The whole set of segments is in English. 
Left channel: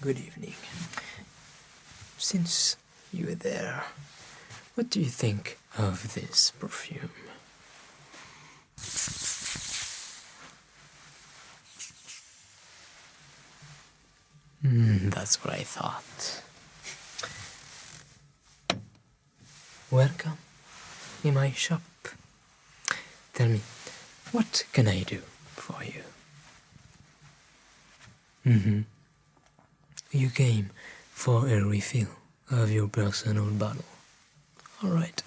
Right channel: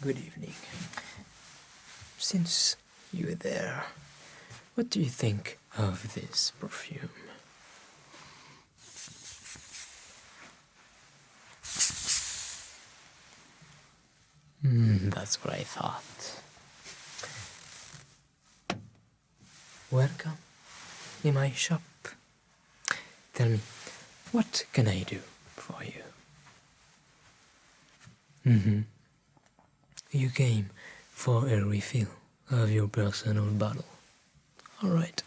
Good evening. Since you were there, what do you think of this perfume? That's what I thought. Welcome in my shop. Tell me, what can I do for you? You came for a refill of your personal bottle. All right.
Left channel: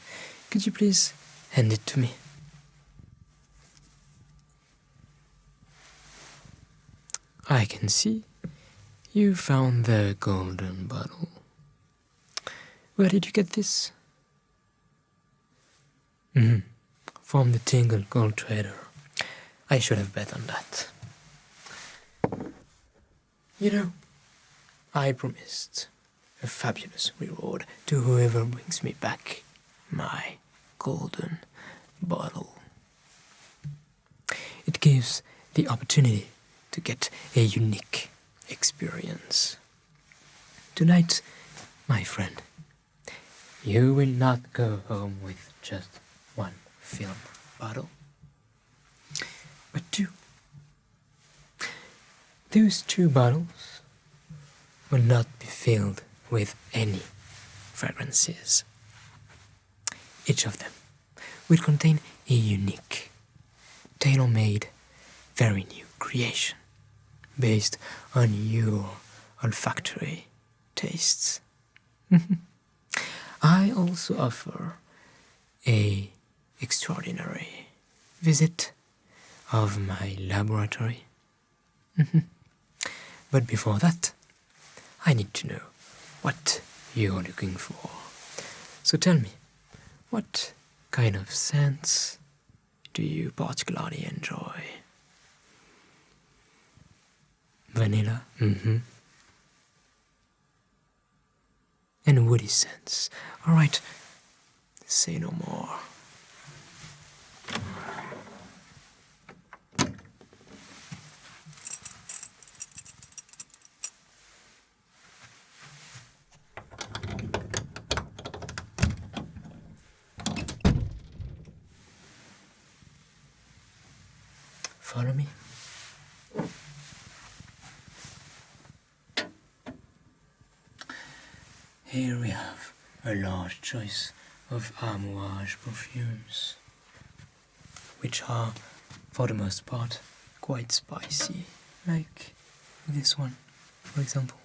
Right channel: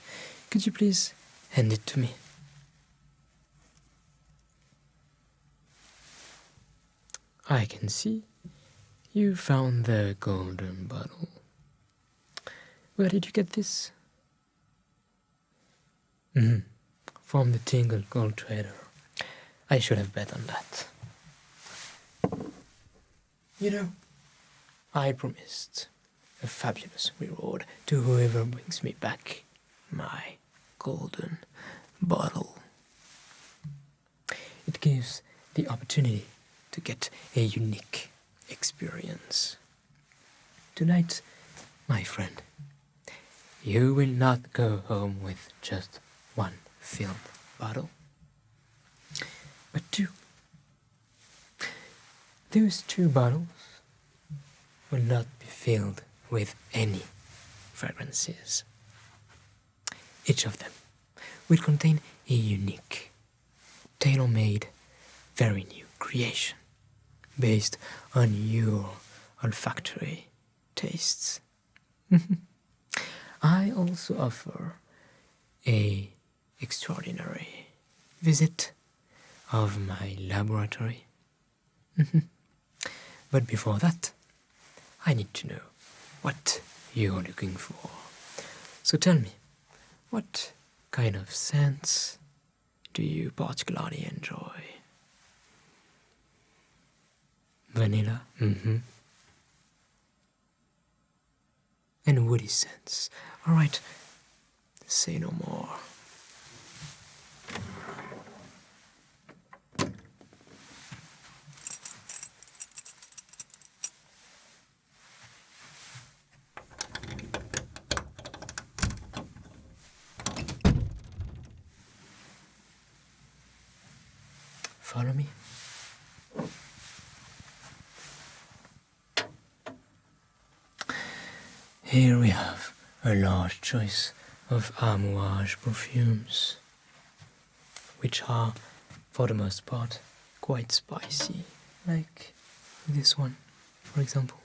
Could you please hand it to me? I can see you found the golden bottle. Where did you get this? From the Tingle gold trader. I should have bet on that. You know, I promised a fabulous reward to whoever brings me back my golden bottle. It gives the opportunity to get a unique experience. Tonight, my friend, you will not go home with just one filled bottle, but two. Those two bottles will not be filled with any fragrances. Each of them will contain a unique, tailor-made, very new creation based on your olfactory tastes. I also offer a extraordinary visit of my laboratory. But before that, I need to know what you're looking for. So tell me, what kind of scents do you particularly enjoy? Vanilla? And woody scents. Alright, say no more. Follow me. Here we have a large choice of amouage perfumes, which are, for the most part, quite spicy, like this one, for example.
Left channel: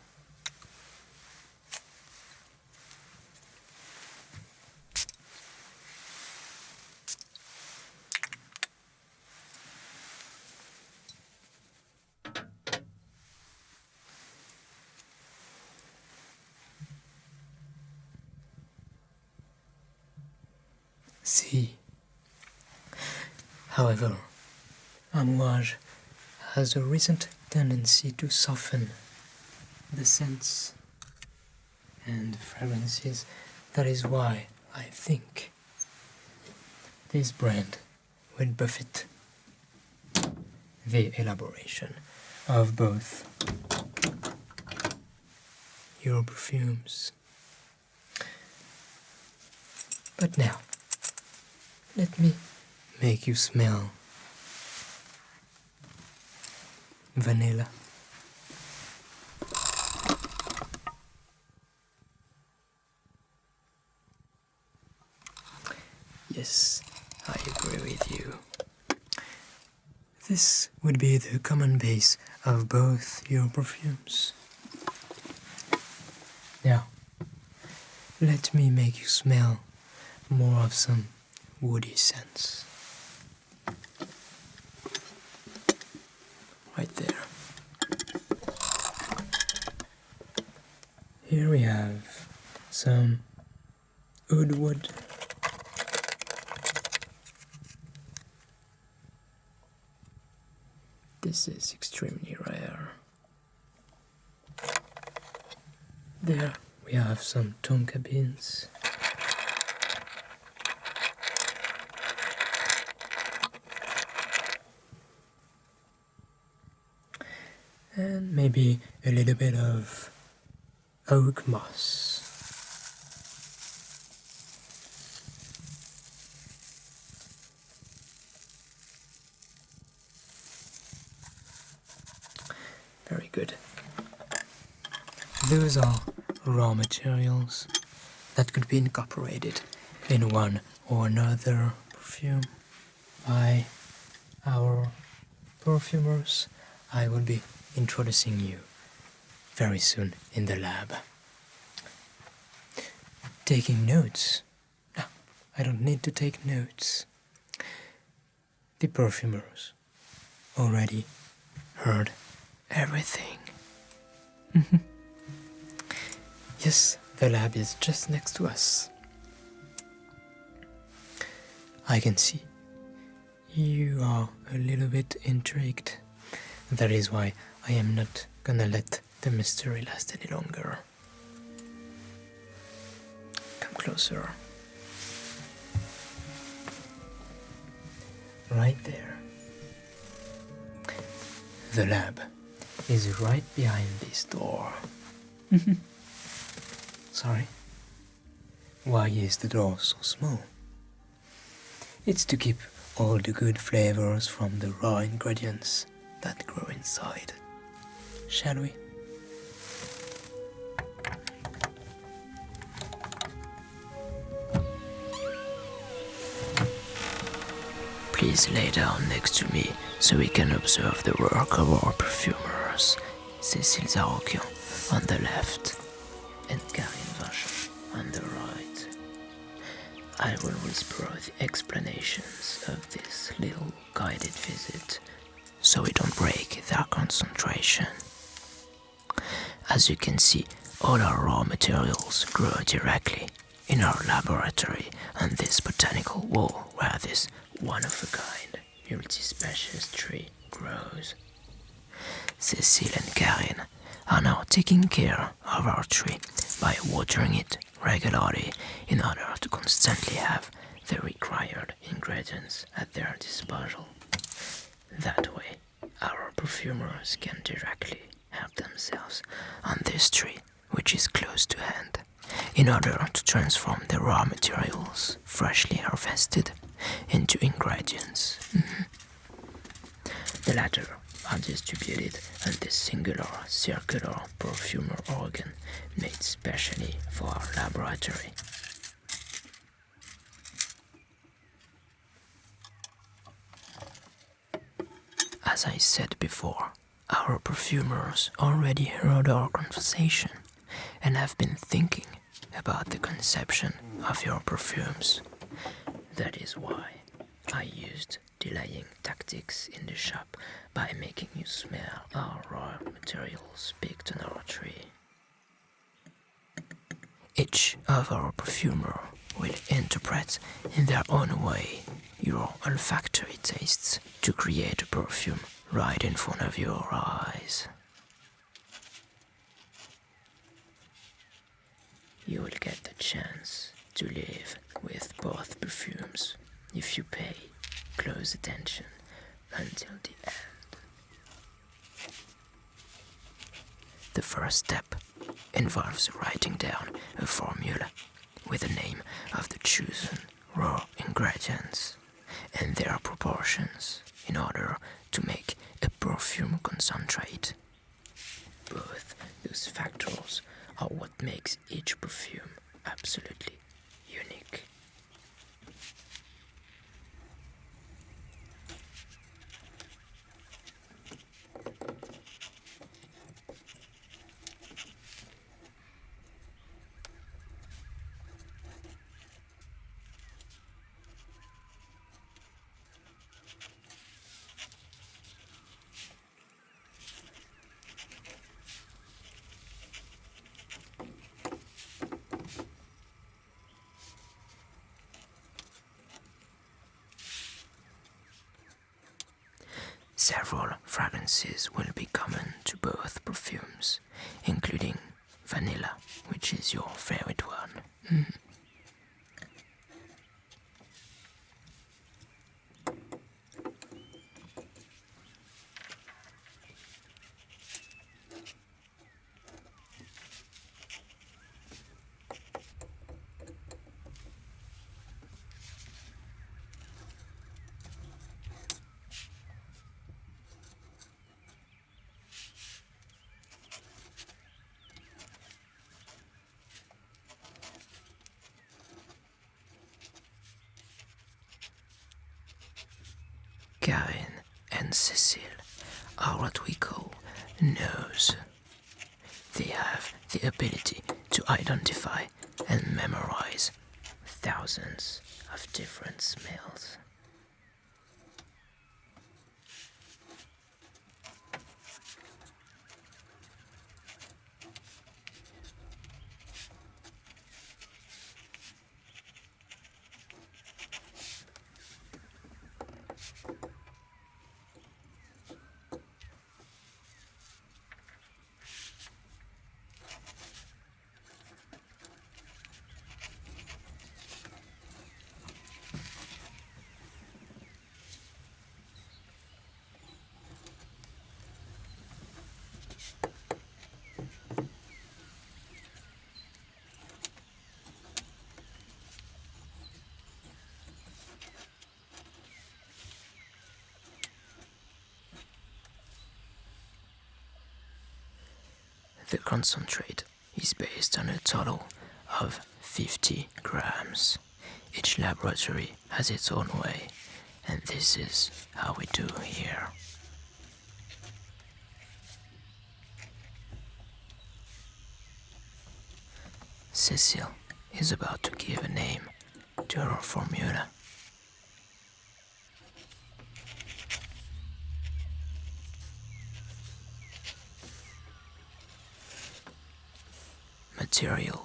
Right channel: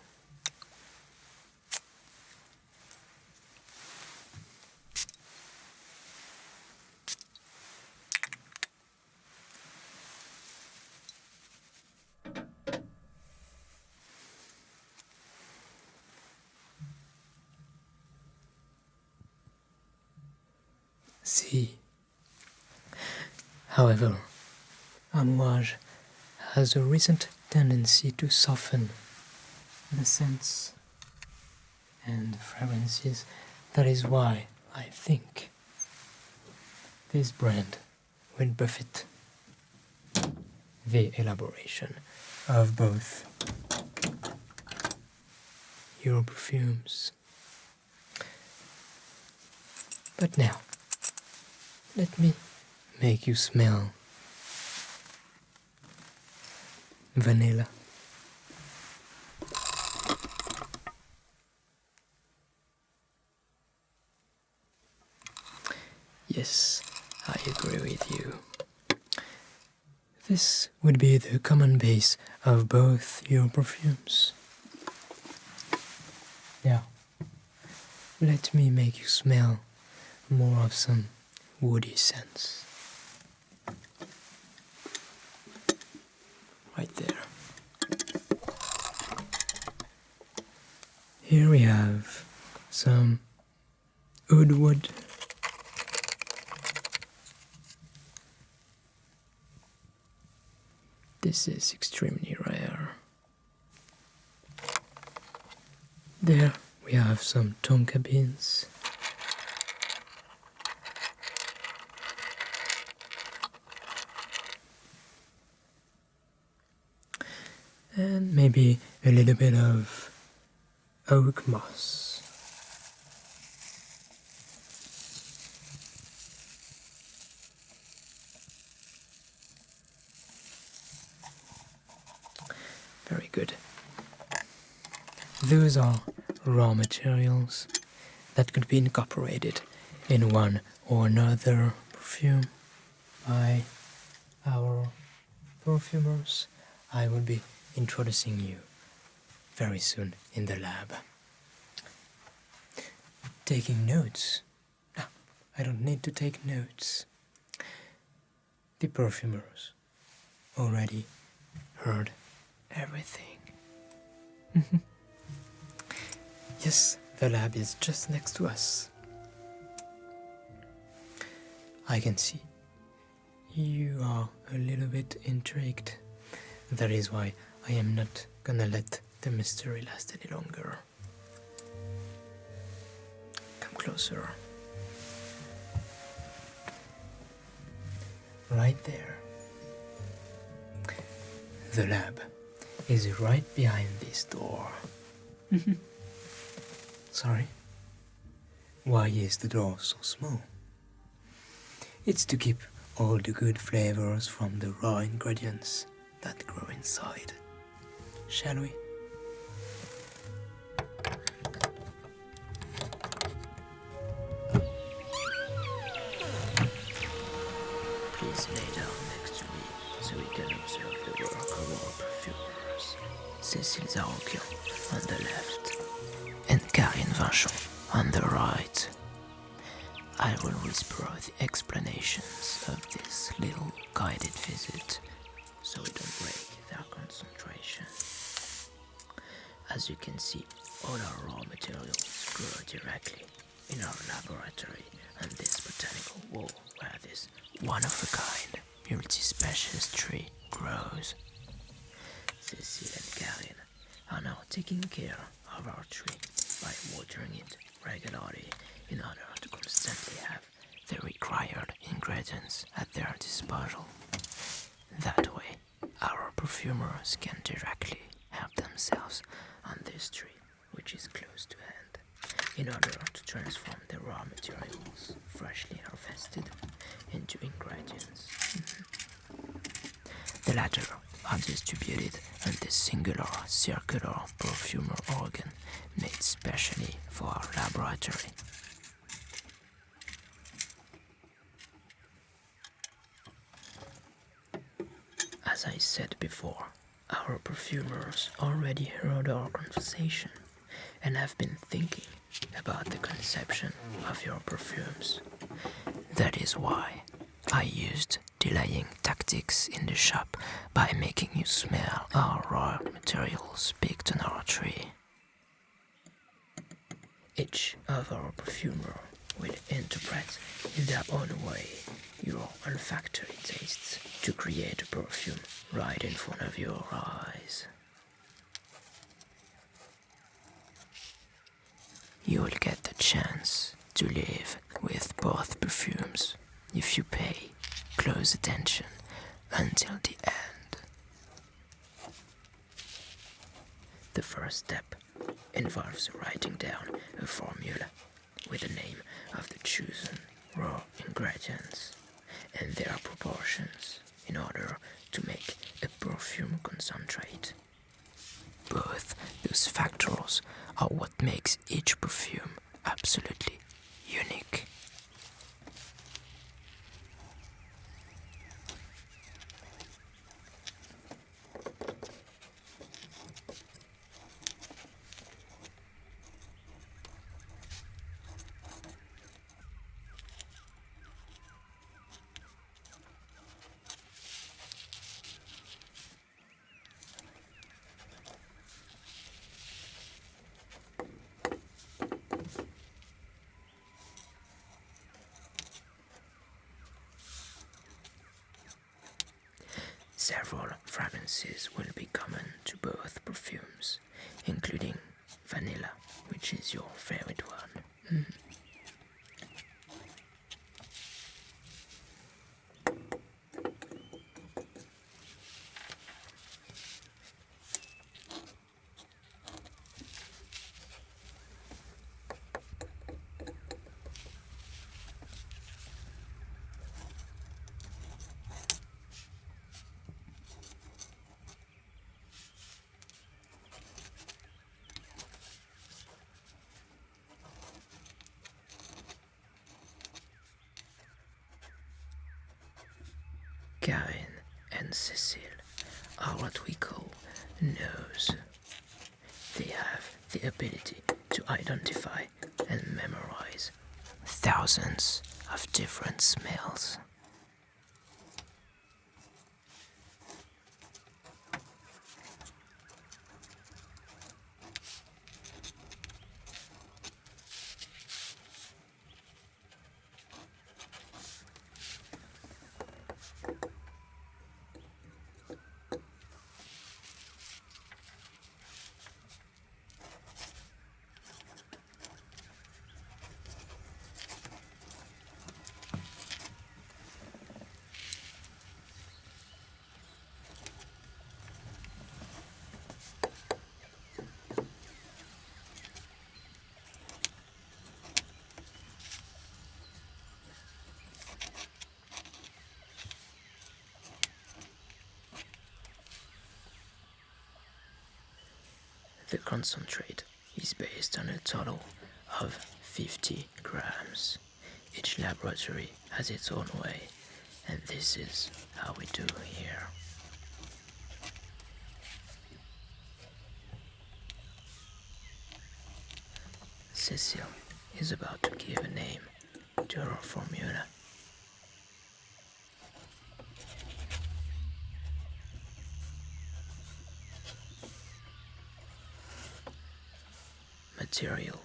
see. However, amouage has a recent tendency to soften the scents and fragrances. That is why I think this brand will buffet the elaboration of both your perfumes. But now, let me make you smell vanilla. Yes, I agree with you. This would be the common base of both your perfumes. Now, let me make you smell more of some woody scents. Right there. Here we have some oud wood. This is extremely rare. There we have some tonka beans. And maybe a little bit of oak moss. Very good. Those are raw materials that could be incorporated in one or another perfume by our perfumers. I will be introducing you very soon in the lab. Taking notes? No, I don't need to take notes. The perfumers already heard everything. Yes, the lab is just next to us. I can see you are a little bit intrigued. That is why I am not gonna let the mystery last any longer. Come closer. Right there. The lab is right behind this door. Sorry? Why is the door so small? It's to keep all the good flavors from the raw ingredients that grow inside. Shall we? Please lay down next to me so we can observe the work of our perfumers. Cécile Zarokian on the left and Karine Vinchon on the right. I will whisper the explanations of this little guided visit so we don't break their concentration. As you can see, all our raw materials grow directly in our laboratory on this botanical wall where this one-of-a-kind multi-species tree grows. Cécile and Karine are now taking care of our tree by watering it regularly in order to constantly have the required ingredients at their disposal. That way, our perfumers can directly help themselves on this tree, which is close to hand, in order to transform the raw materials freshly harvested into ingredients. The latter are distributed on this singular circular perfumer organ made specially for our laboratory. As I said before, our perfumers already heard our conversation and have been thinking about the conception of your perfumes. That is why I used delaying tactics in the shop by making you smell our raw materials picked on our tree. Each of our perfumer will interpret in their own way your olfactory tastes to create a perfume right in front of your eyes. You will get the chance to live with both perfumes if you pay close attention until the end. The first step involves writing down a formula with the name of the chosen raw ingredients and their proportions in order to make a perfume concentrate. Both those factors are what makes each perfume absolutely unique. Several fragrances will be common to both perfumes, including vanilla, which is your favorite one. Karine and Cécile are what we call nose. They have the ability to identify and memorize thousands of different smells. The concentrate is based on a total of 50 grams. Each laboratory has its own way, and this is how we do here. Cécile is about to give a name to her formula. Material.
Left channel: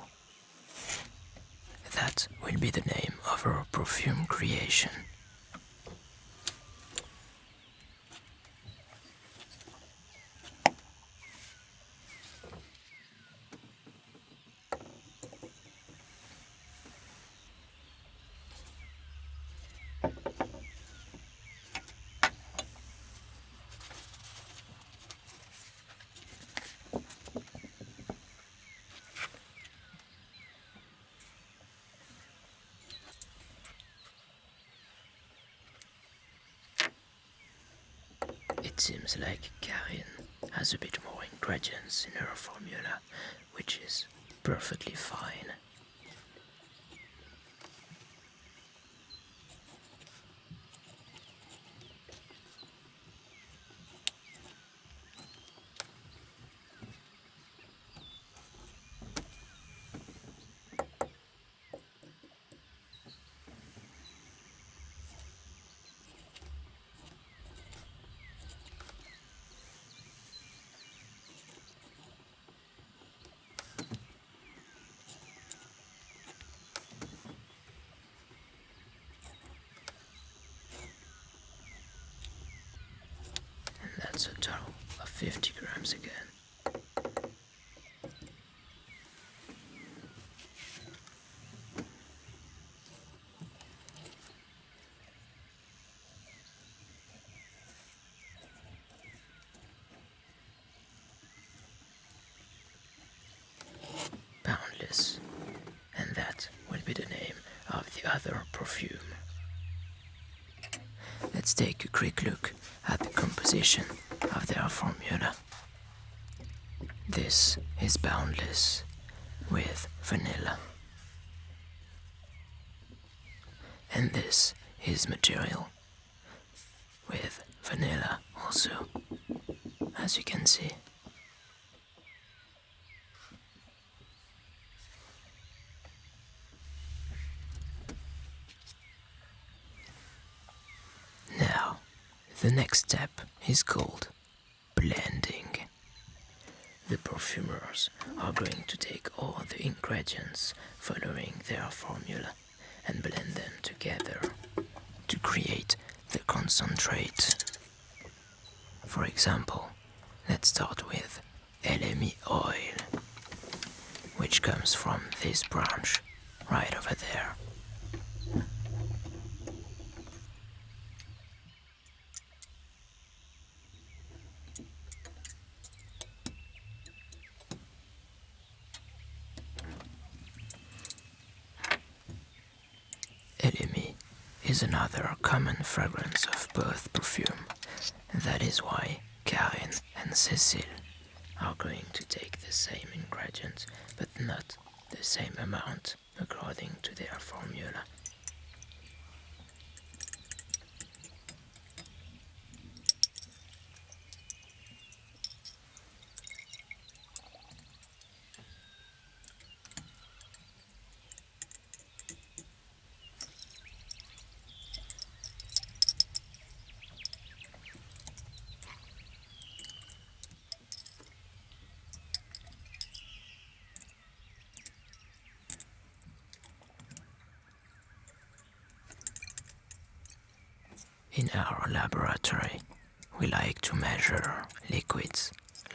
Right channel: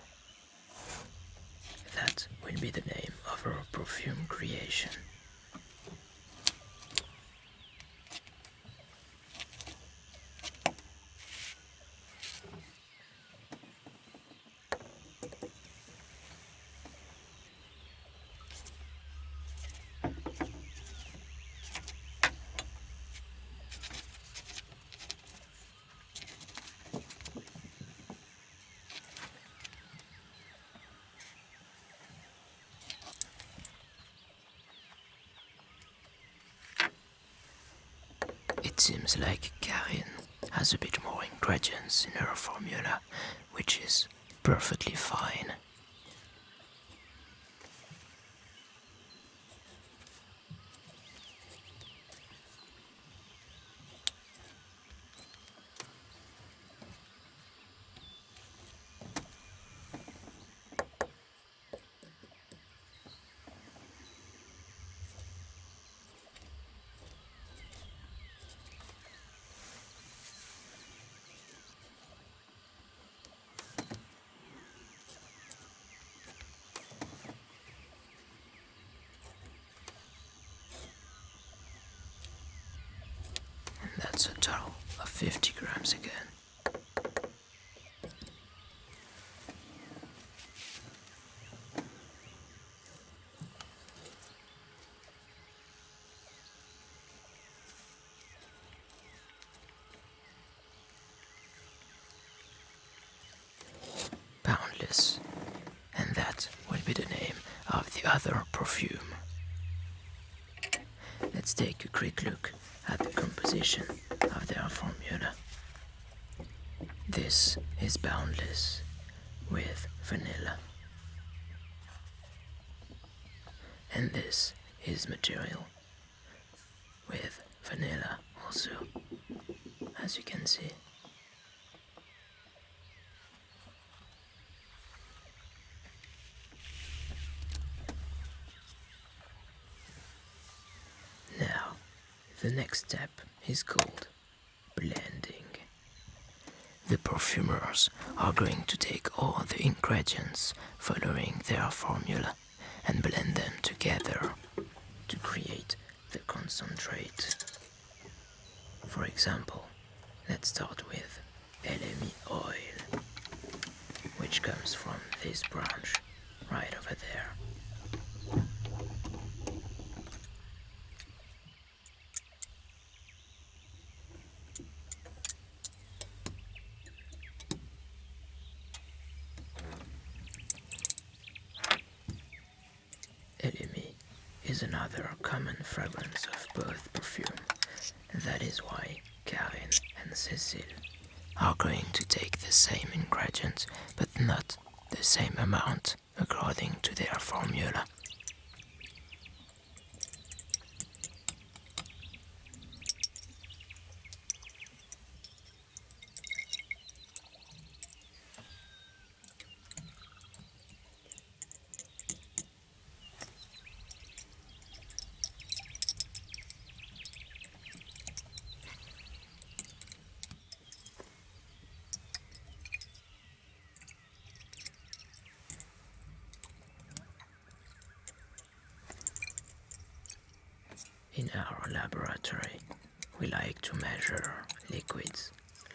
That will be the name of her perfume creation. It seems like Karine has a bit more ingredients in her formula, which is perfectly fine. That's a total of 50 grams again. Boundless, and that will be the name of the other perfume. Let's take a quick look at the composition of their formula. This is Boundless with vanilla. And this is Material with vanilla also, as you can see. Now, the next step is called blending. The perfumers are going to take all the ingredients following their formula and blend them together to create the concentrate. For example, let's start with Biemmi oil, which comes from this branch right over there. Biemmi is another common fragrance of both perfume. That is why Karine and Cécile are going to take the same ingredients, but not the same amount according to their formula. In our laboratory, we like to measure liquids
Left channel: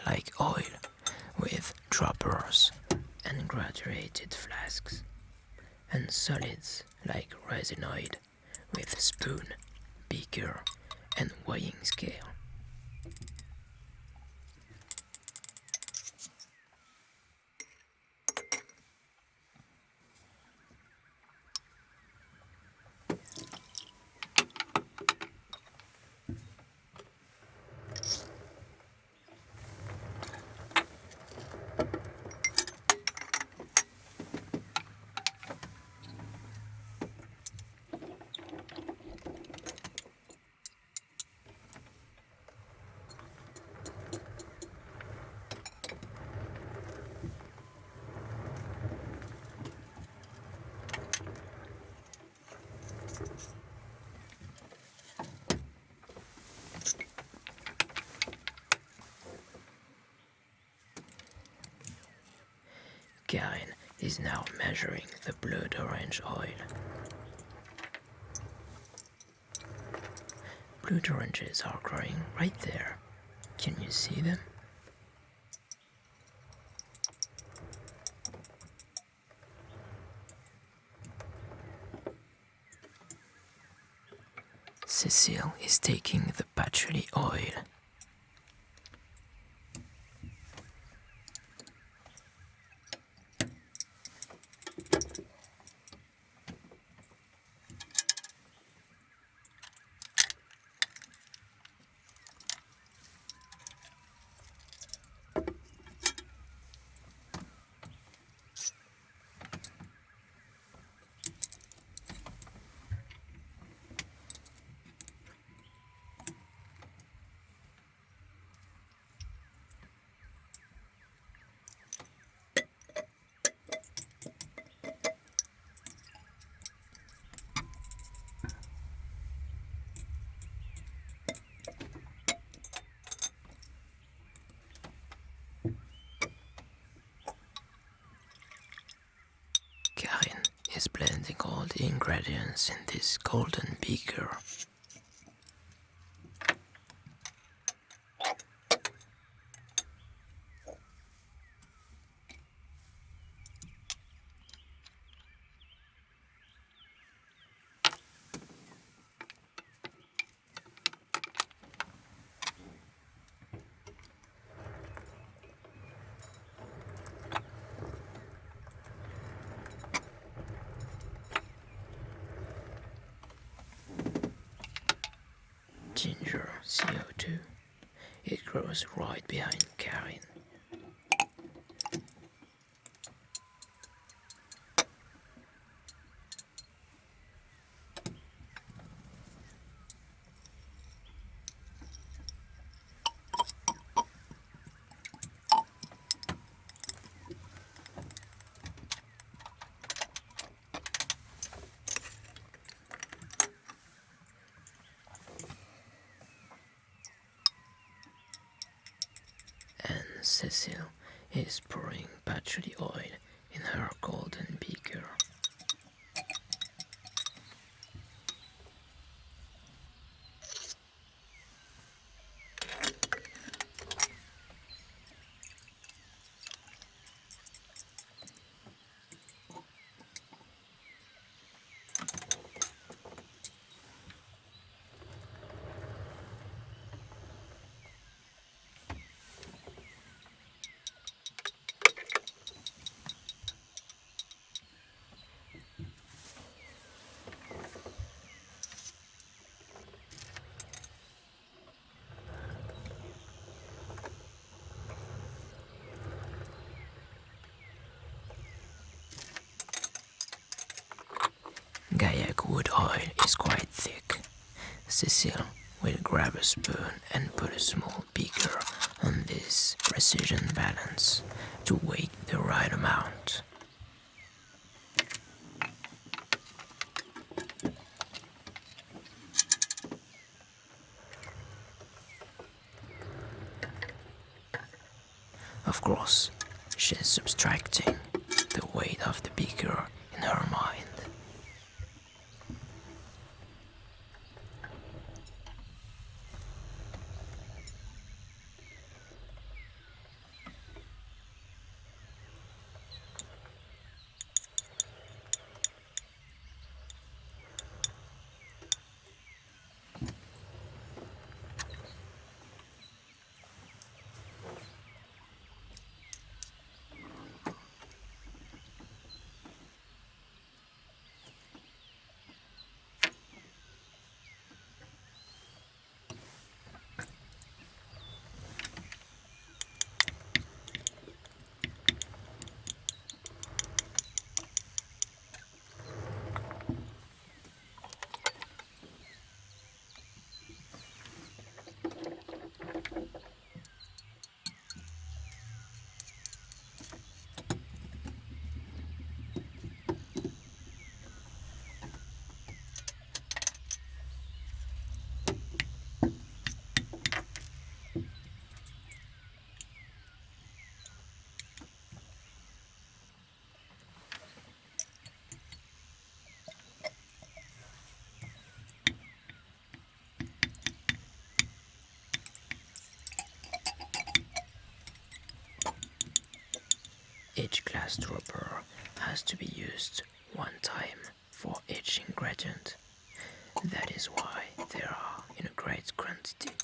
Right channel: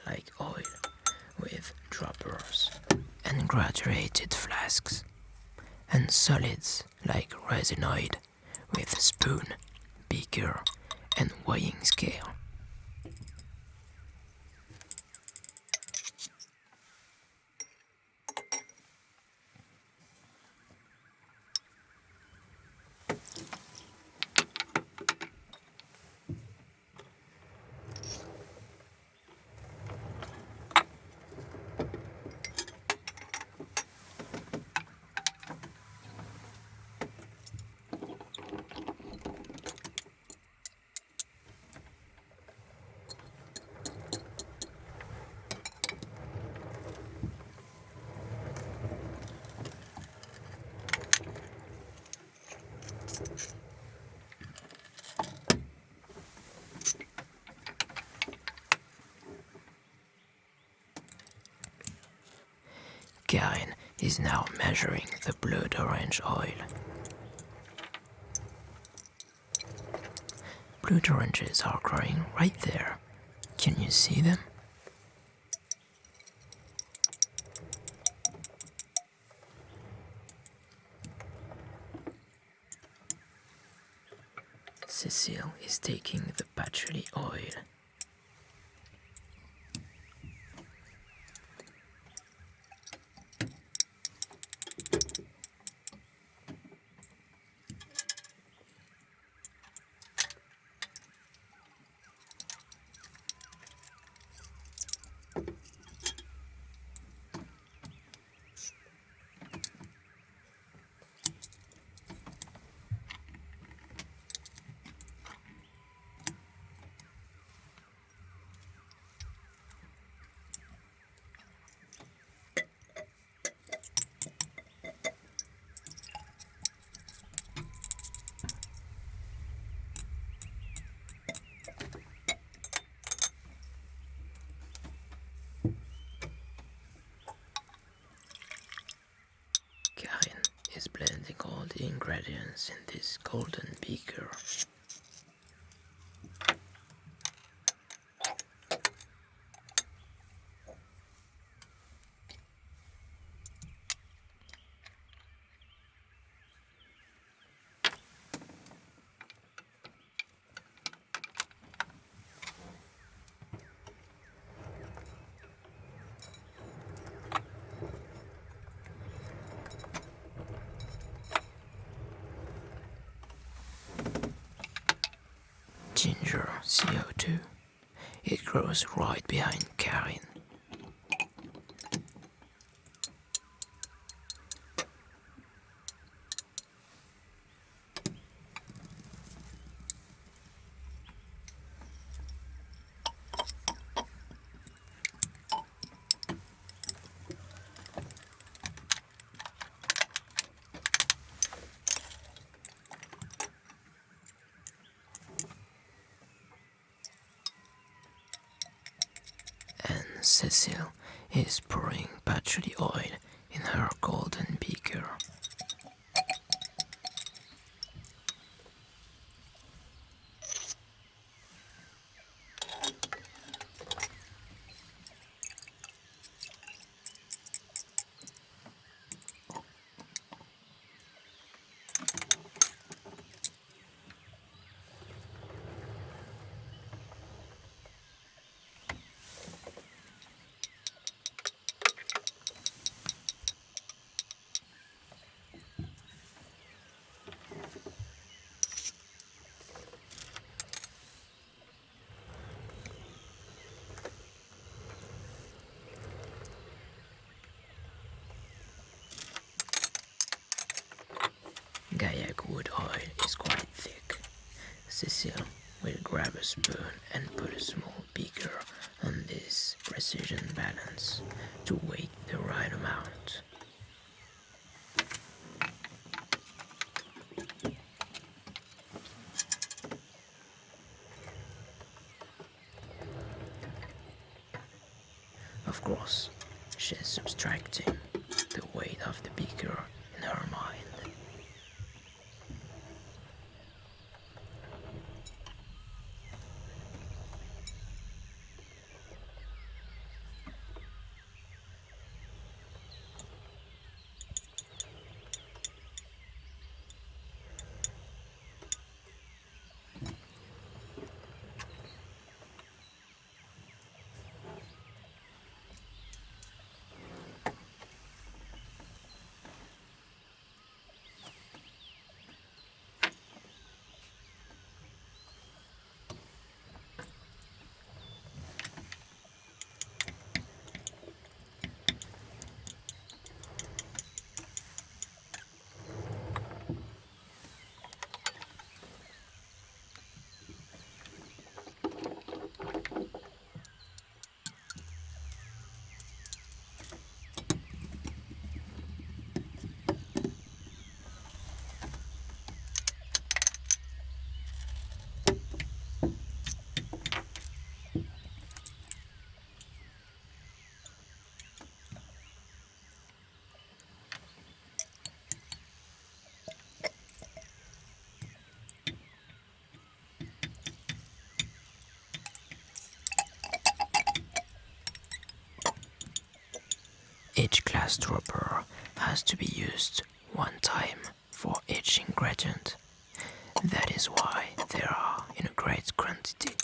like oil with droppers and graduated flasks, and solids like resinoid with spoon, beaker, and weighing scale. Karine is now measuring the blood orange oil. Blood oranges are growing right there. Can you see them? Cécile is taking the patchouli oil. Karine is blending all the ingredients in this golden beaker. ginger CO2. It grows right behind Karine. And Cécile is pouring patchouli oil in her golden beaker. Gaillac wood oil is quite thick. Cécile will grab a spoon and put a small beaker on this precision balance to weigh the right amount. Of course, she's subtracting the weight of the beaker in her mind. Each glass dropper has to be used one time for each ingredient. That is why they are in a great quantity.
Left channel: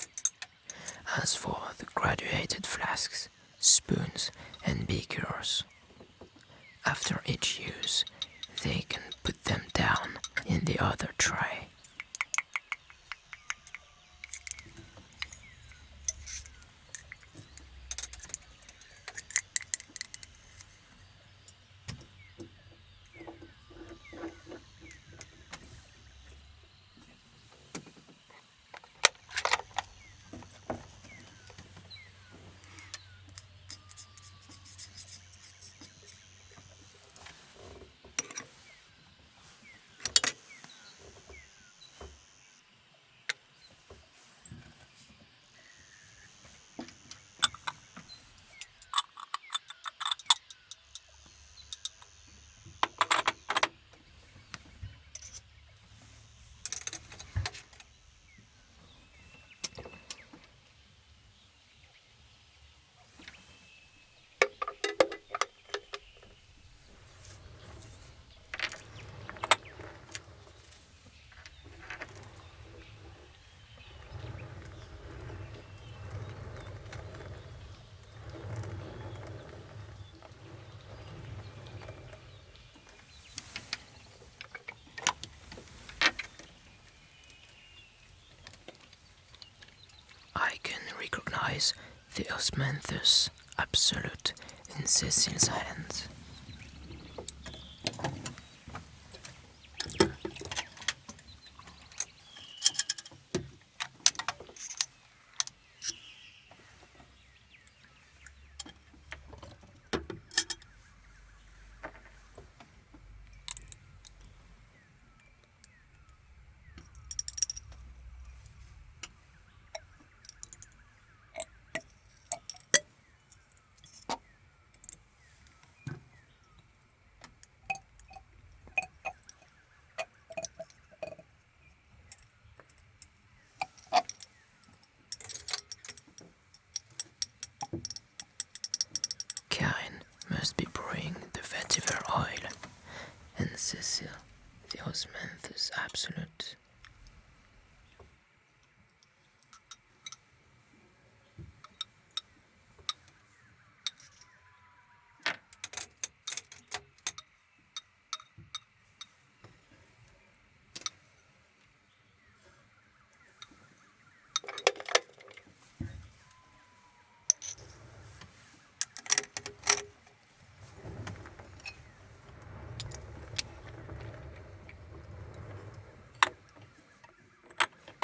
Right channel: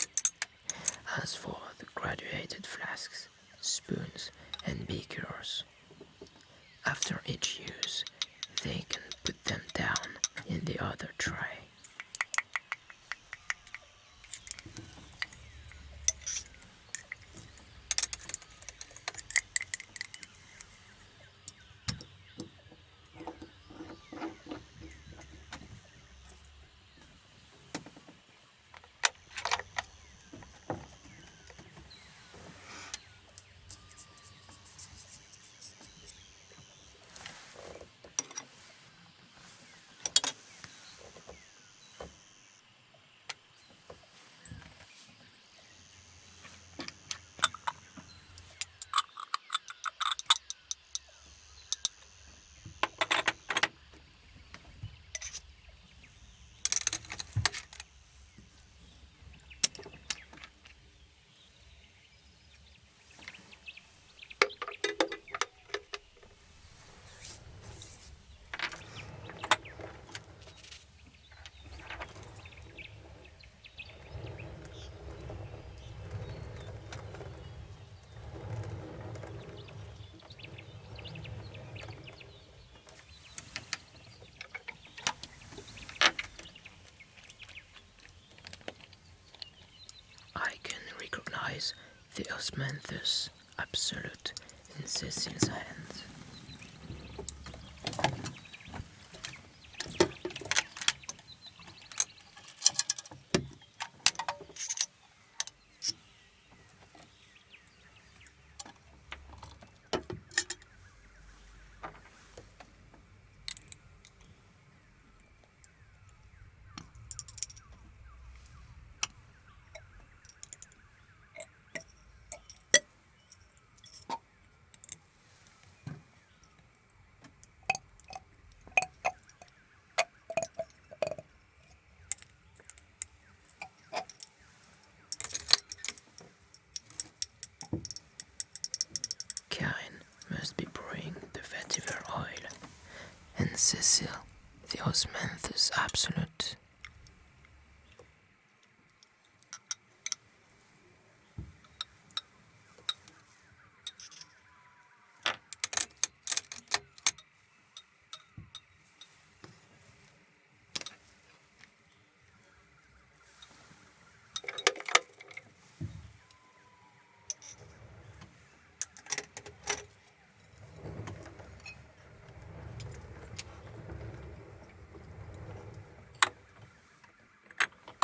As for the graduated flasks, spoons and beakers, after each use, they can put them down in the other tray. the osmanthus absolute in Cécile's hands. Karine must be pouring the vetiver oil, and Cécile the osmanthus absolute.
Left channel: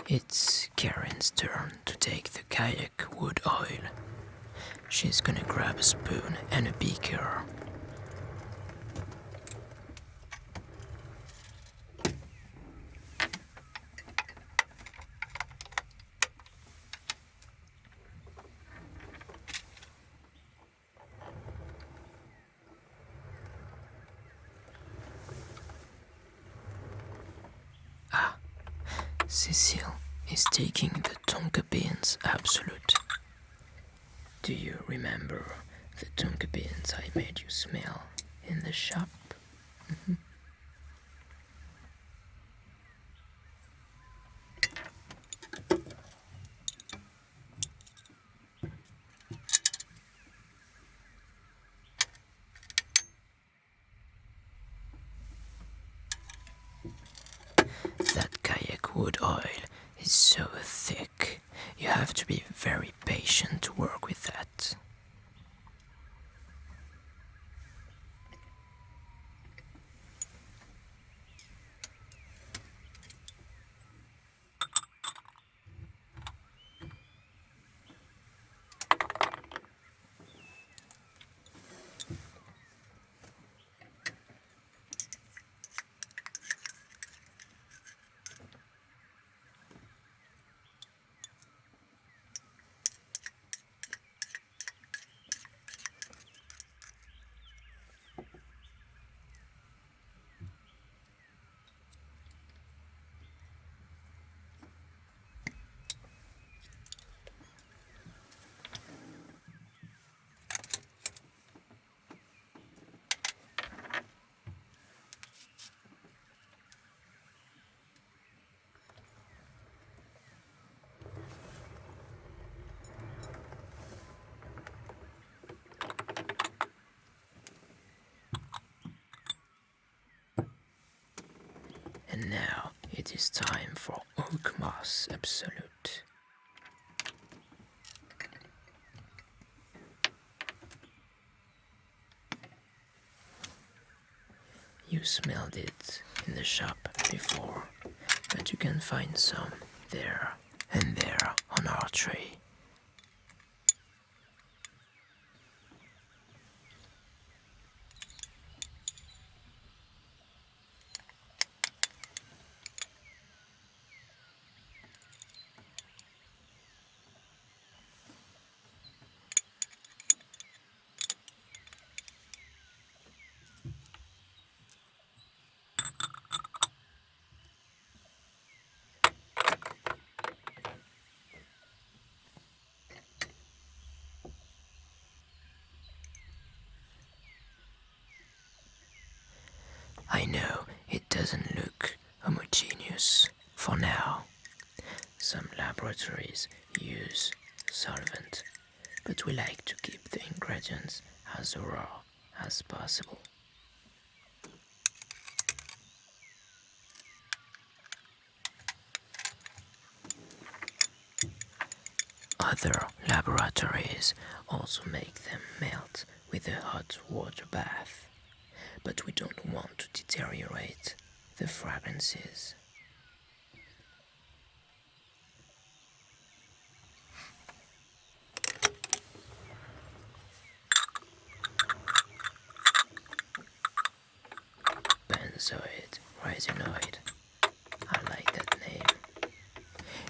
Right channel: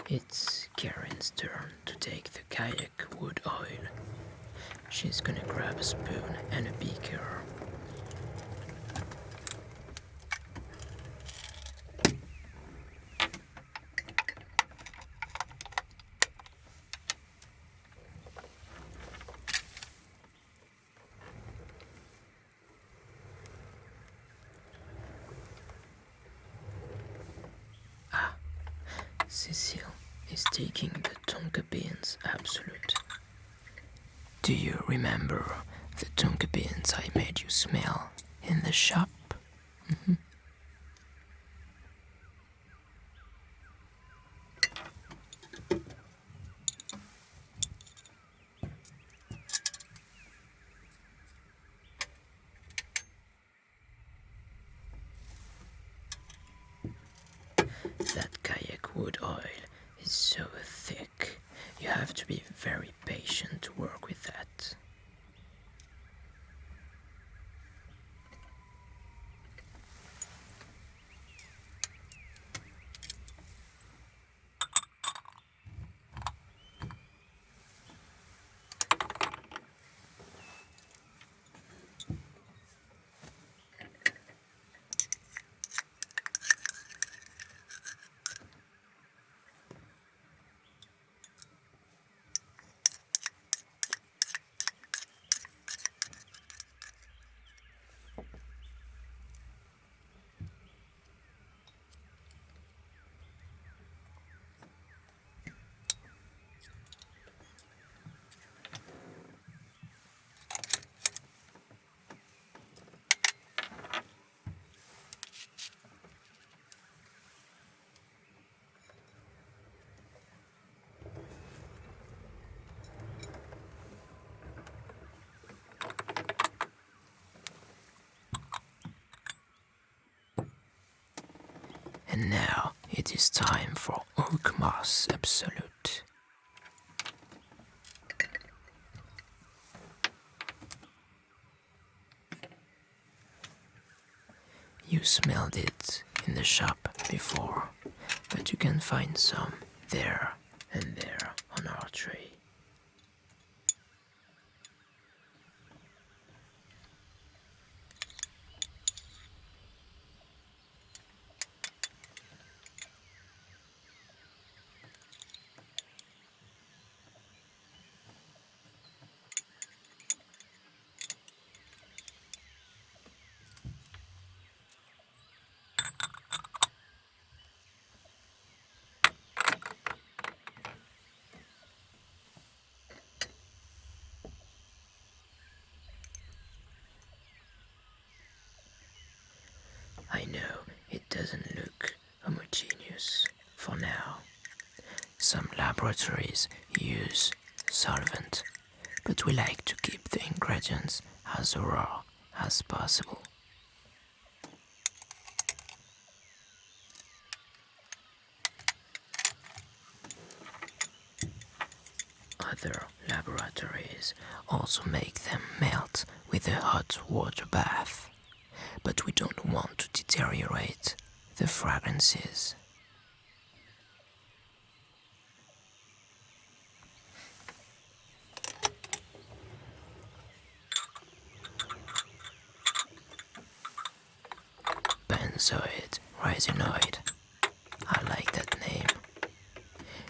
It's Karine's turn to take the kayak wood oil. She's gonna grab a spoon and a beaker. Cécile is taking the tonka beans absolute. Do you remember the tonka beans I made you smell in the shop? That kayak wood oil is so thick, you have to be very patient to work with that. And now it is time for oak moss absolute. You smelled it in the shop before, but you can find some there and there on our tray. I know it doesn't look homogeneous for now. Some laboratories use solvent, but we like to keep the ingredients as raw as possible. Other laboratories also make them melt with a hot water bath, but we don't want to deteriorate the fragrances. Benzoid resinoid. I like that name.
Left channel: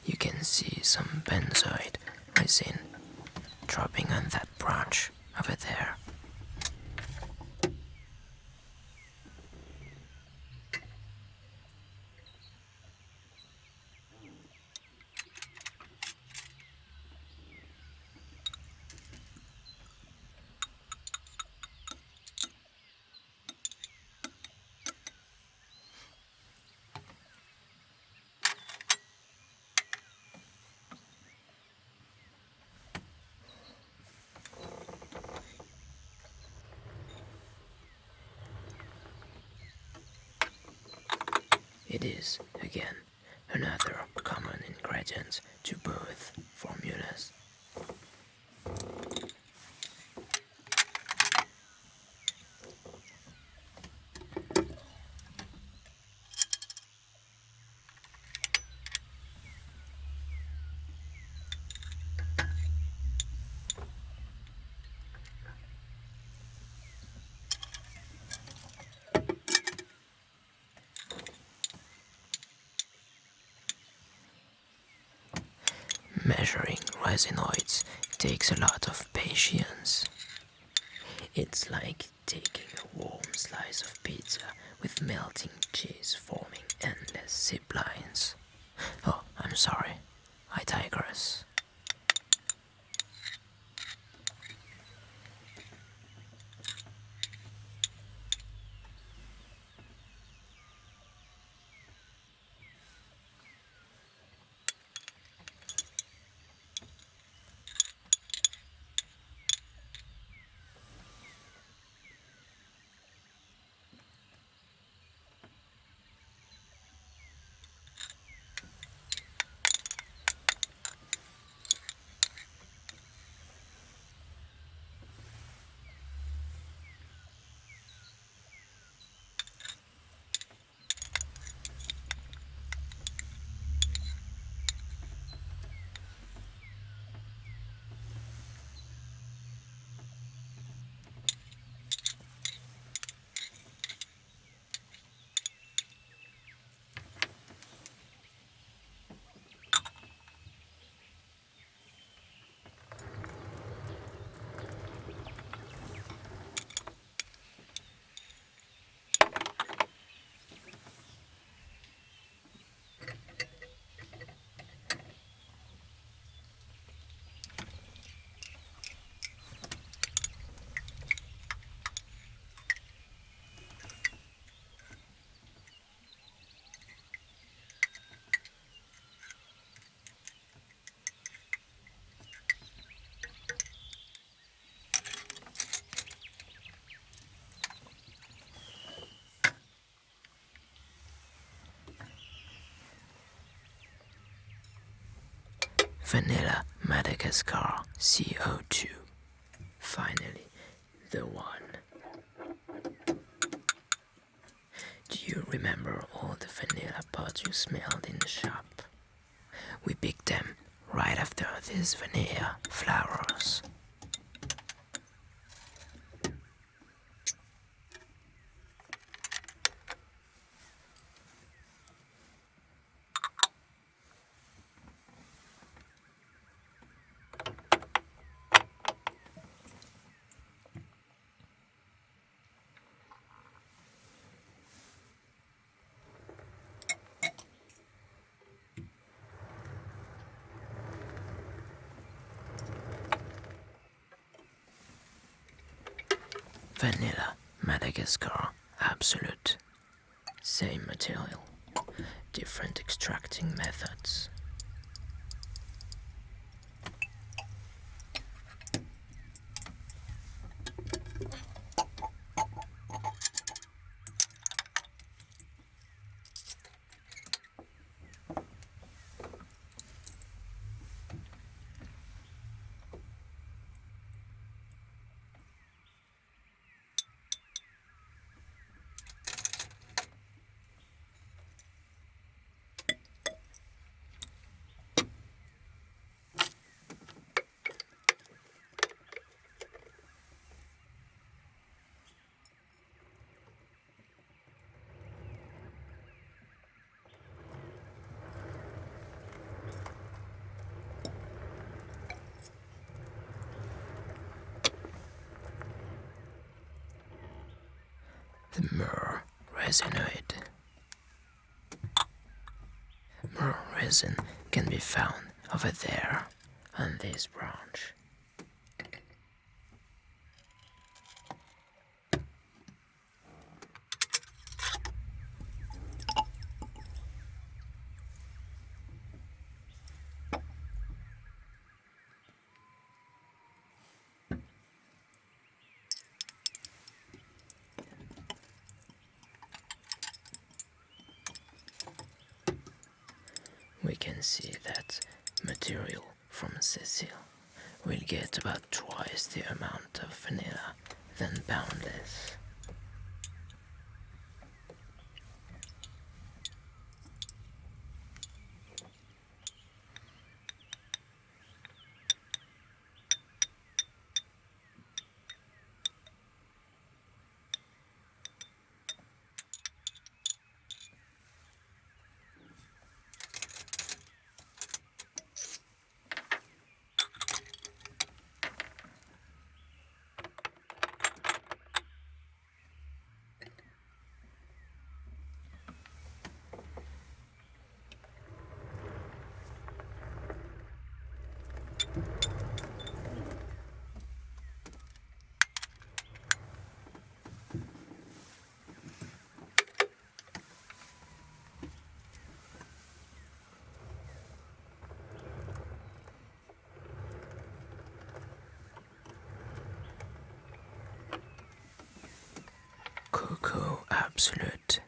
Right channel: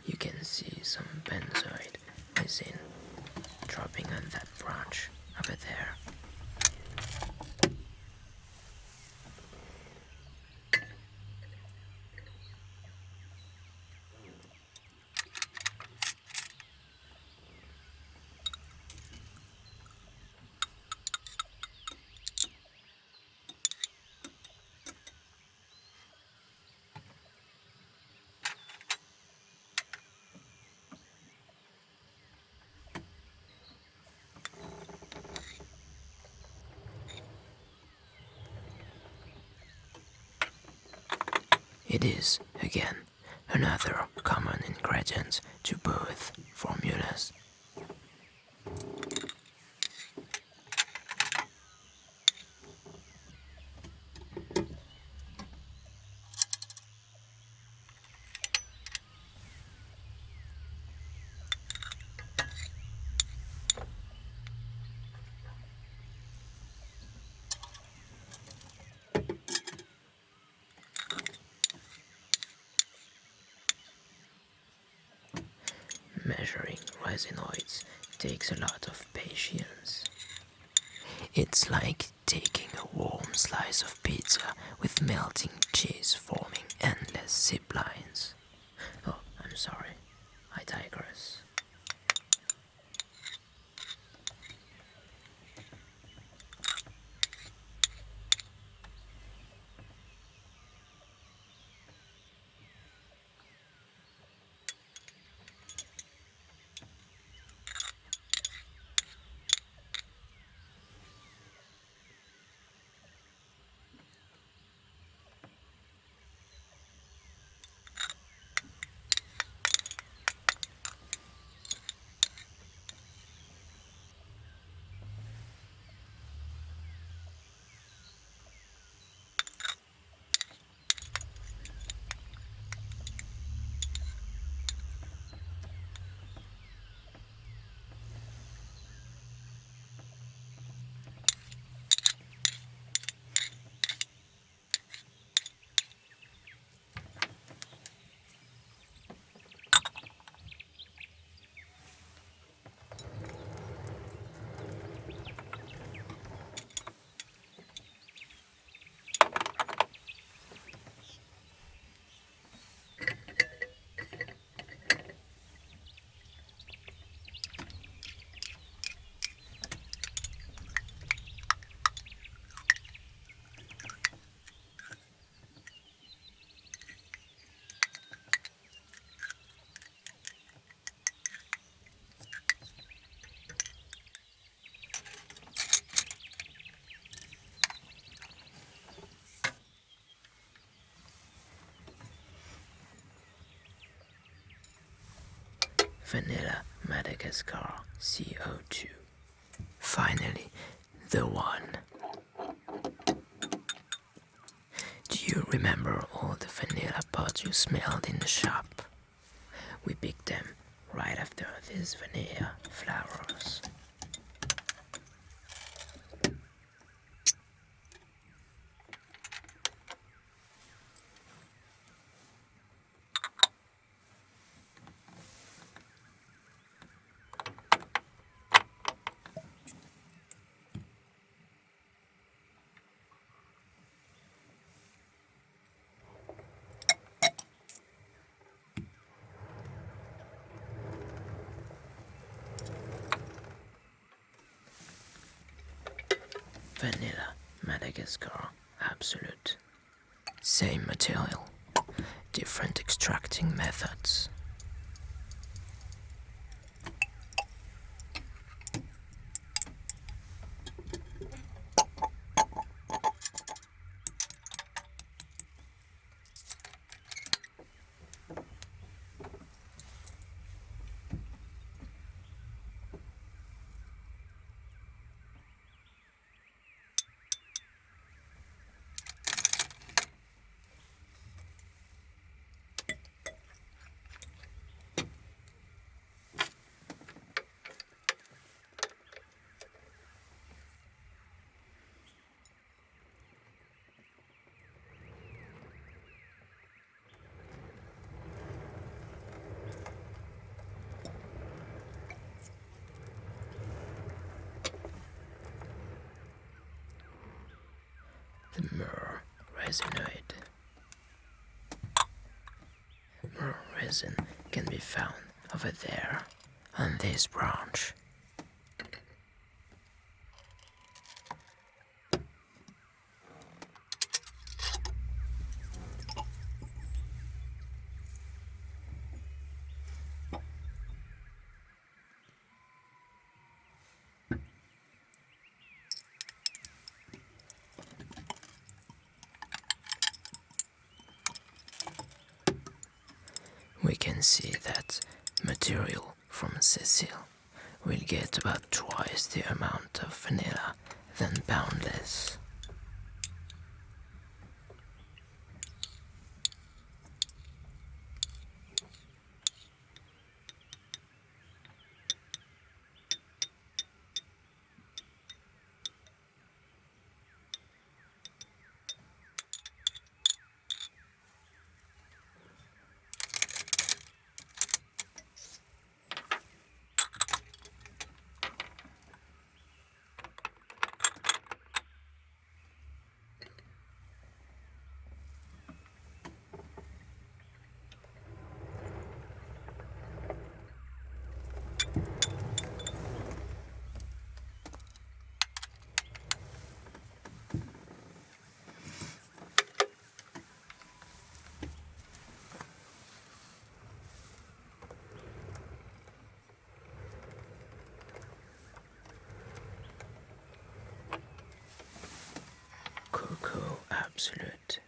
You can see some benzoid resin dropping on that branch over there. It is, again, another common ingredient to both formulas. Measuring resinoids takes a lot of patience. It's like taking a warm slice of pizza with melting cheese forming endless zip lines. Oh, I'm sorry, I digress. Vanilla Madagascar CO2. Finally, the one. Do you remember all the vanilla pods you smelled in the shop? We picked them right after these vanilla flowers. Vanilla Madagascar Absolute. Same material, different extracting methods. the myrrh resinoid. Myrrh resin can be found over there on this branch. We can see that material from Cécile will get about twice the amount of vanilla than Boundless. Cocoa Absolute.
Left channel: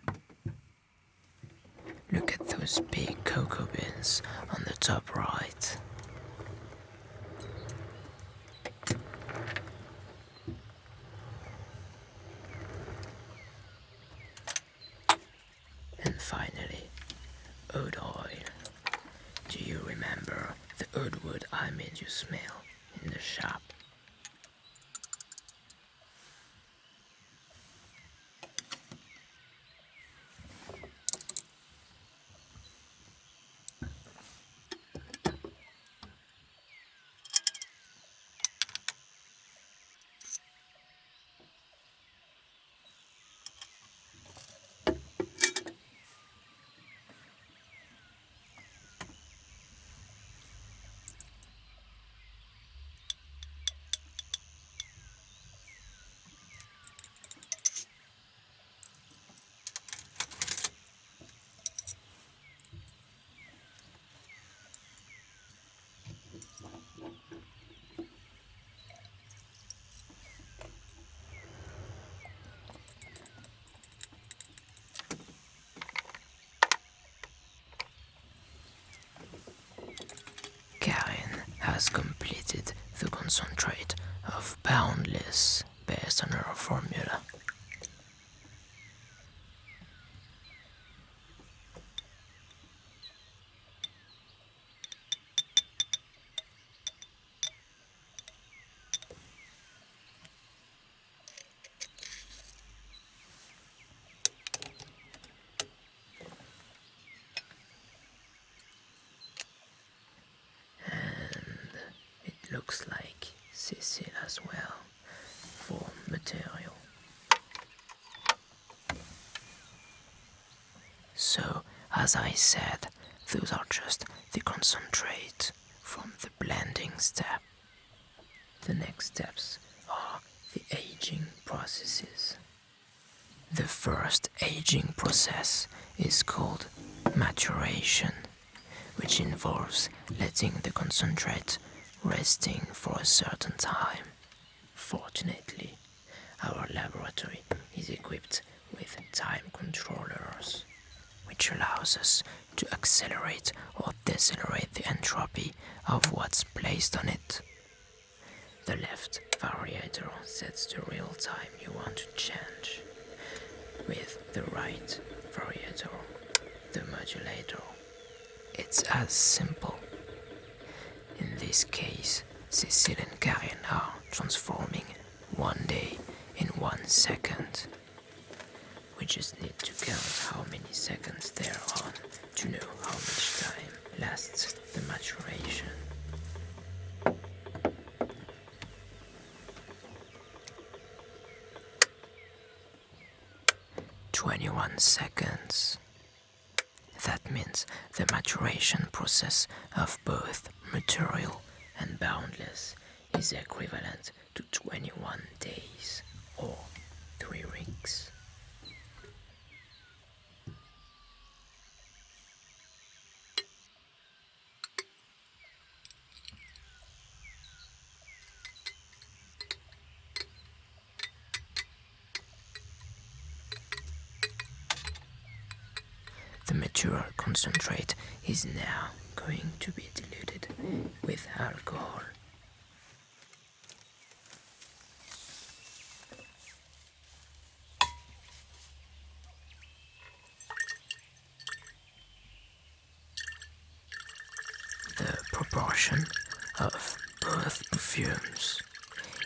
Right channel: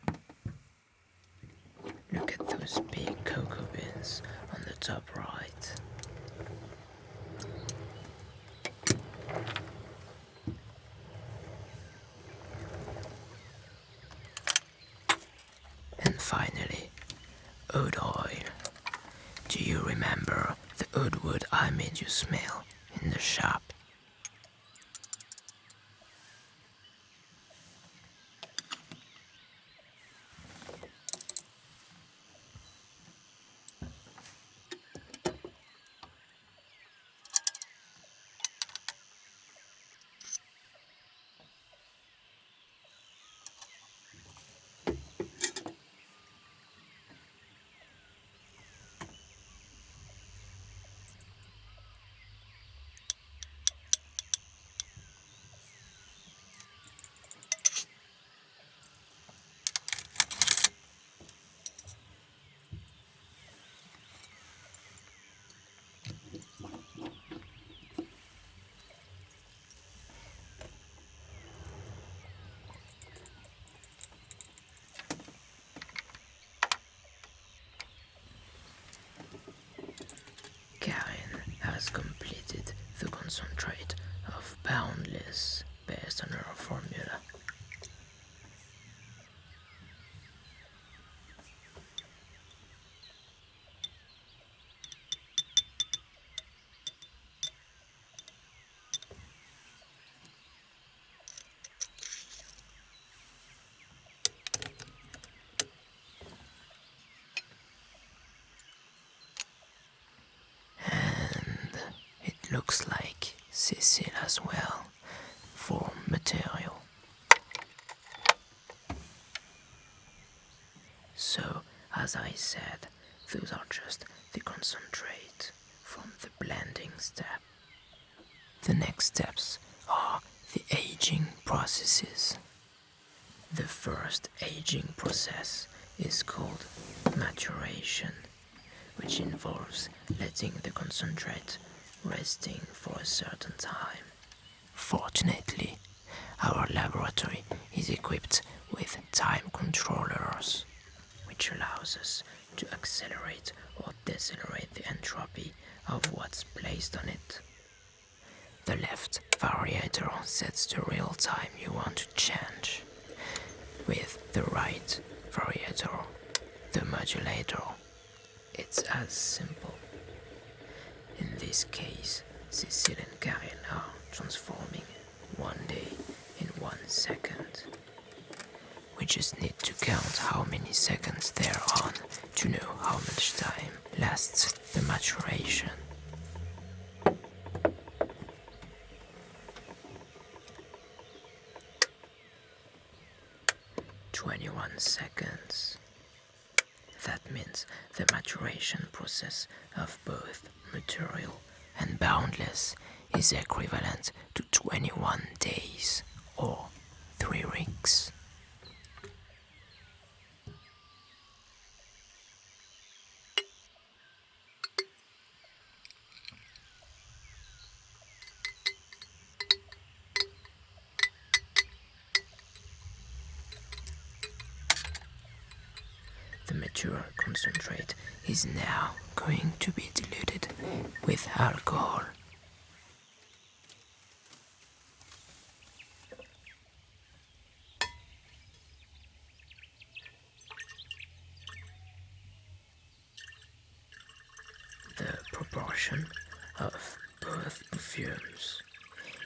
Look at those big cocoa beans on the top right. And finally, oud oil. Do you remember the oud wood I made you smell in the shop? Karine has completed the concentrate of Boundless based on her formula. Looks like Cécile as well for material. So, as I said, those are just the concentrate from the blending step. The next steps are the aging processes. The first aging process is called maturation, which involves letting the concentrate resting for a certain time. Fortunately, our laboratory is equipped with time controllers, which allows us to accelerate or decelerate the entropy of what's placed on it. The left variator sets the real time you want to change, with the right variator, the modulator. It's as simple. In this case, Cécile and Karine are transforming 1 day in 1 second. We just need to count how many seconds they're on to know how much time lasts the maturation. 21 seconds. That means the maturation process of both material and Boundless is equivalent to 21 days or 3 weeks. The mature concentrate is now going to be diluted with alcohol. The proportion of both perfumes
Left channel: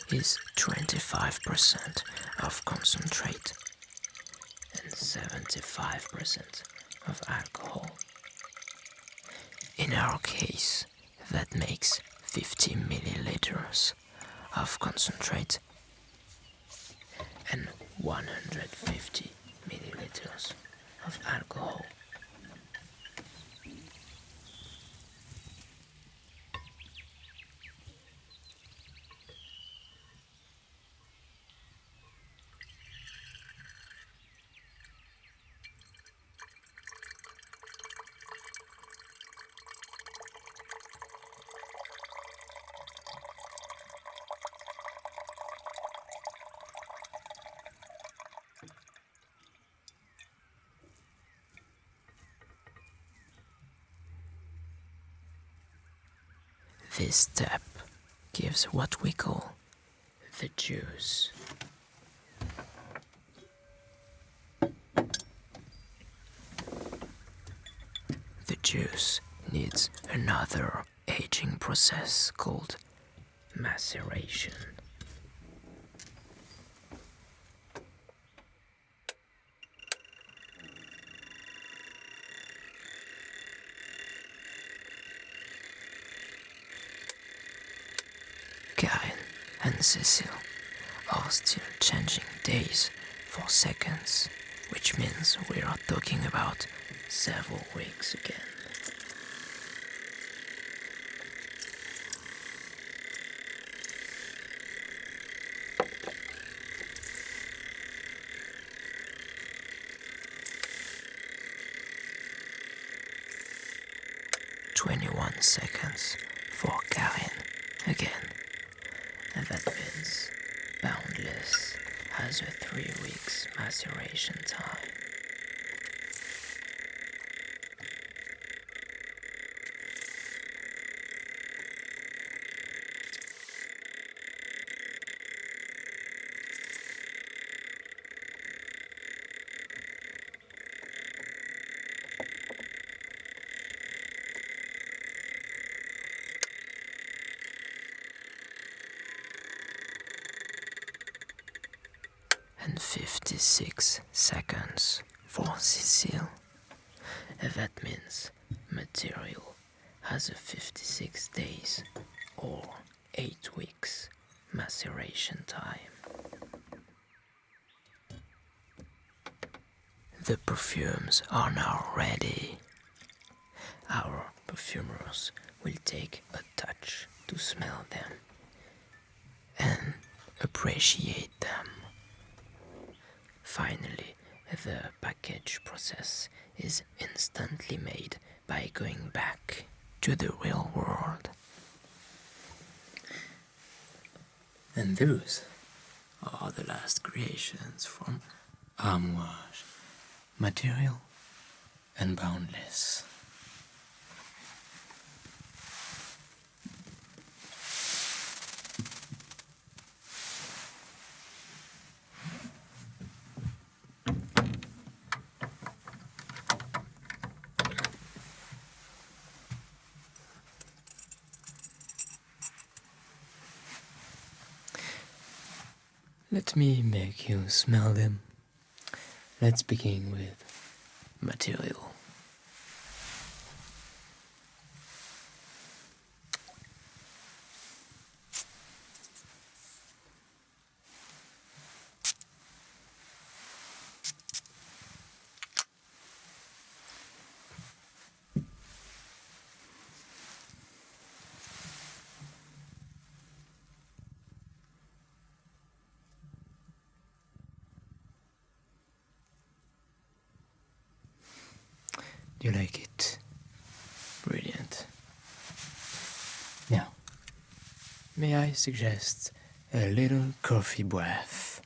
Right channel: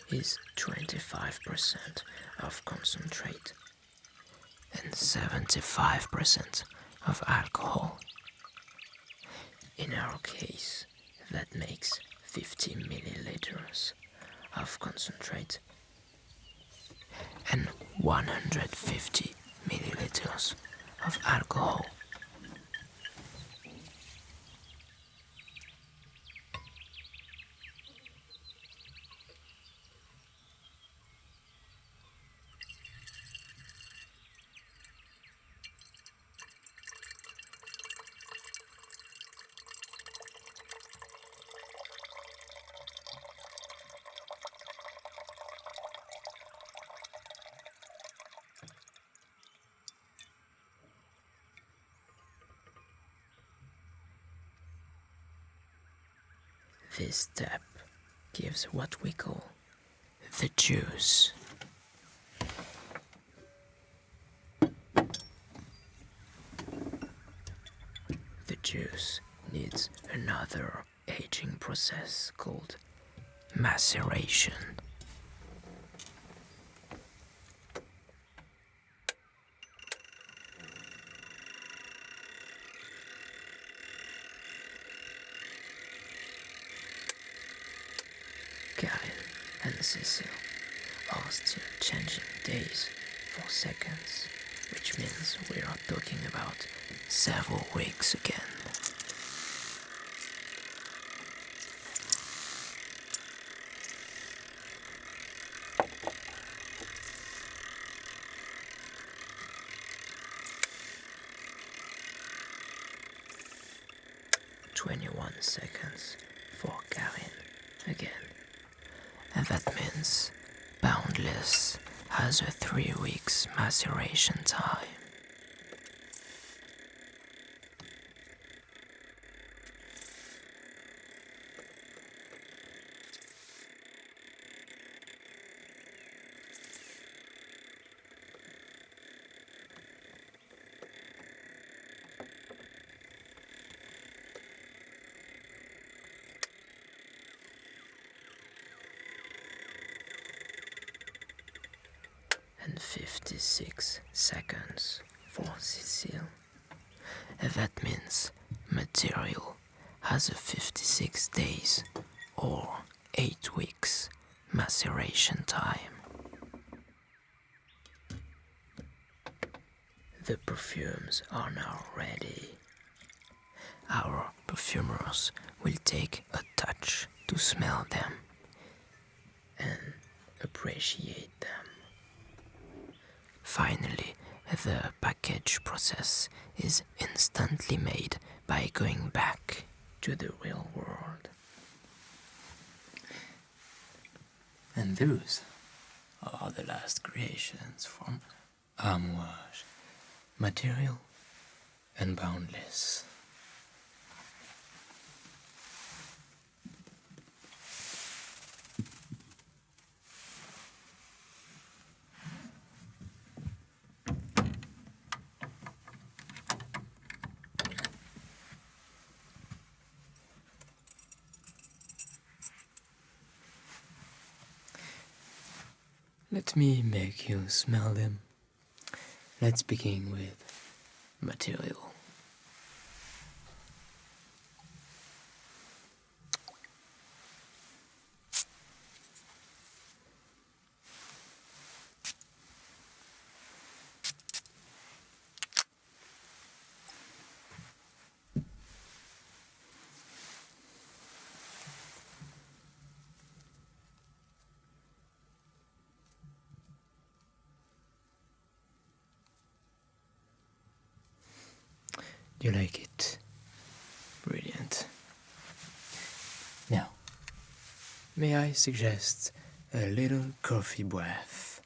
is 25% of concentrate and 75% of alcohol. In our case, that makes 50 milliliters of concentrate and 150 milliliters of alcohol. This step gives what we call the juice. The juice needs another aging process called maceration. Karine and Cécile are still changing days for seconds, which means we are talking about several weeks again. "21 seconds for Karine again. And that means Boundless has a 3 weeks maceration time. And 56 seconds for Cécile. And that means material has a 56 days or 8 weeks maceration time. The perfumes are now ready. Our perfumers will take a touch to smell them and appreciate them. Finally, the package process is instantly made by going back to the real world. And those are the last creations from Ahounou, Material and Boundless. Let me make you smell them. Let's begin with material. You like it? Brilliant. Now, may I suggest a little coffee breath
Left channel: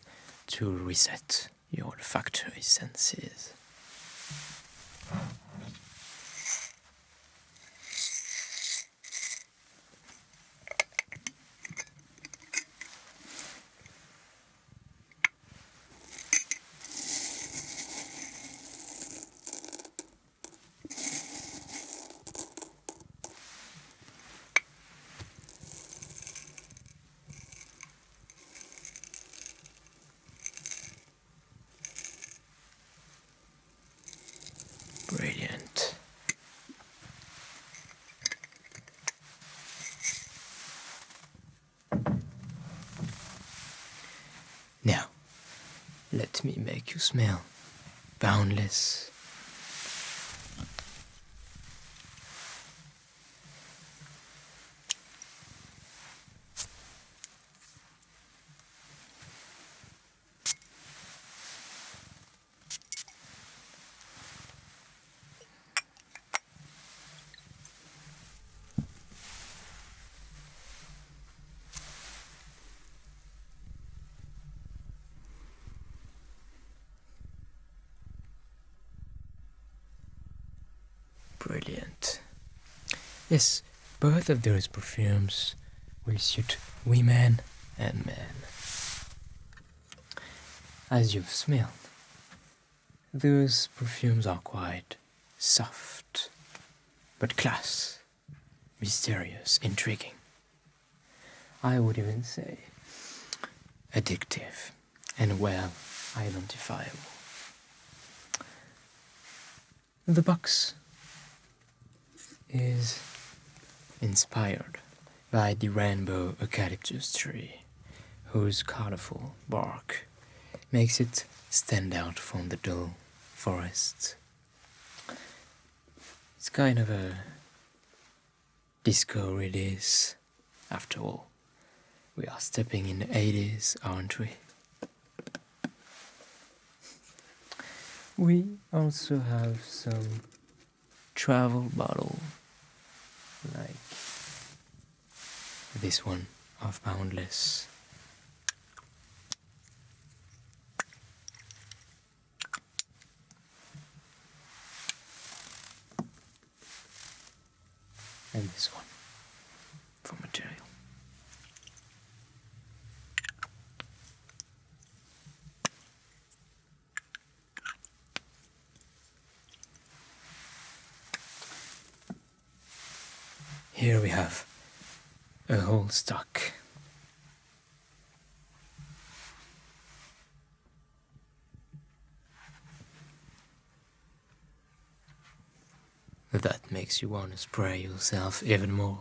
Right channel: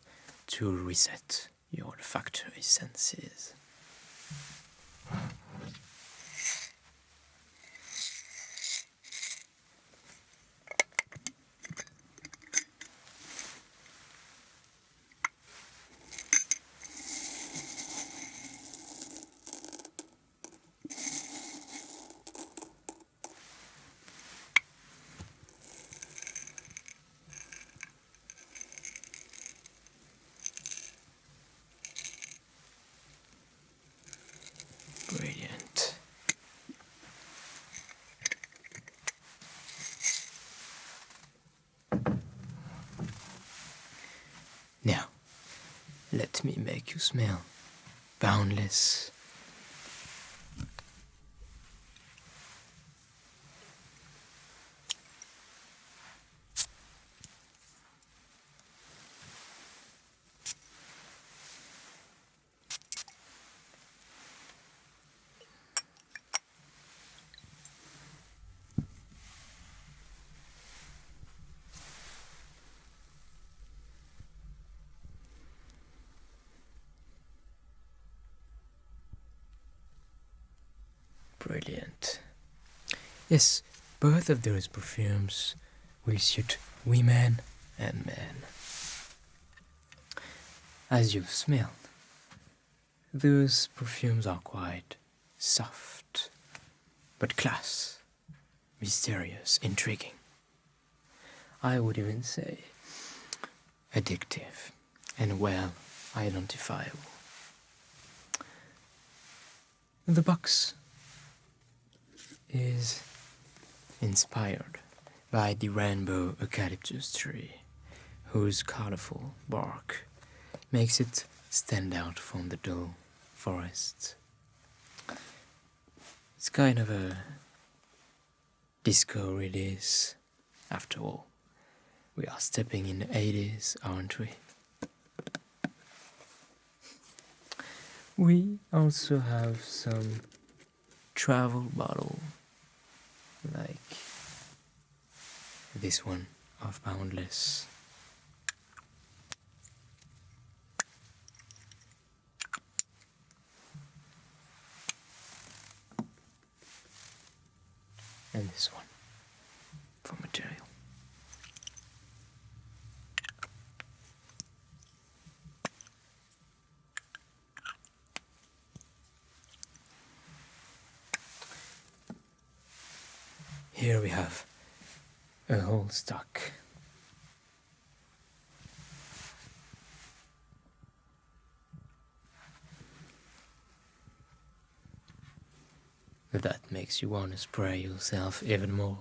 to reset your olfactory senses? Brilliant. Now, let me make you smell Boundless. Brilliant. Yes, both of those perfumes will suit women and men. As you've smelled, those perfumes are quite soft, but class, mysterious, intriguing. I would even say addictive and well identifiable. The box is inspired by the rainbow eucalyptus tree, whose colorful bark makes it stand out from the dull forest. It's kind of a disco release, after all. We are stepping in the 80s, aren't we? We also have some travel bottle, like this one of Boundless. And this one for material. Here we have a whole stock. That makes you want to spray yourself even more.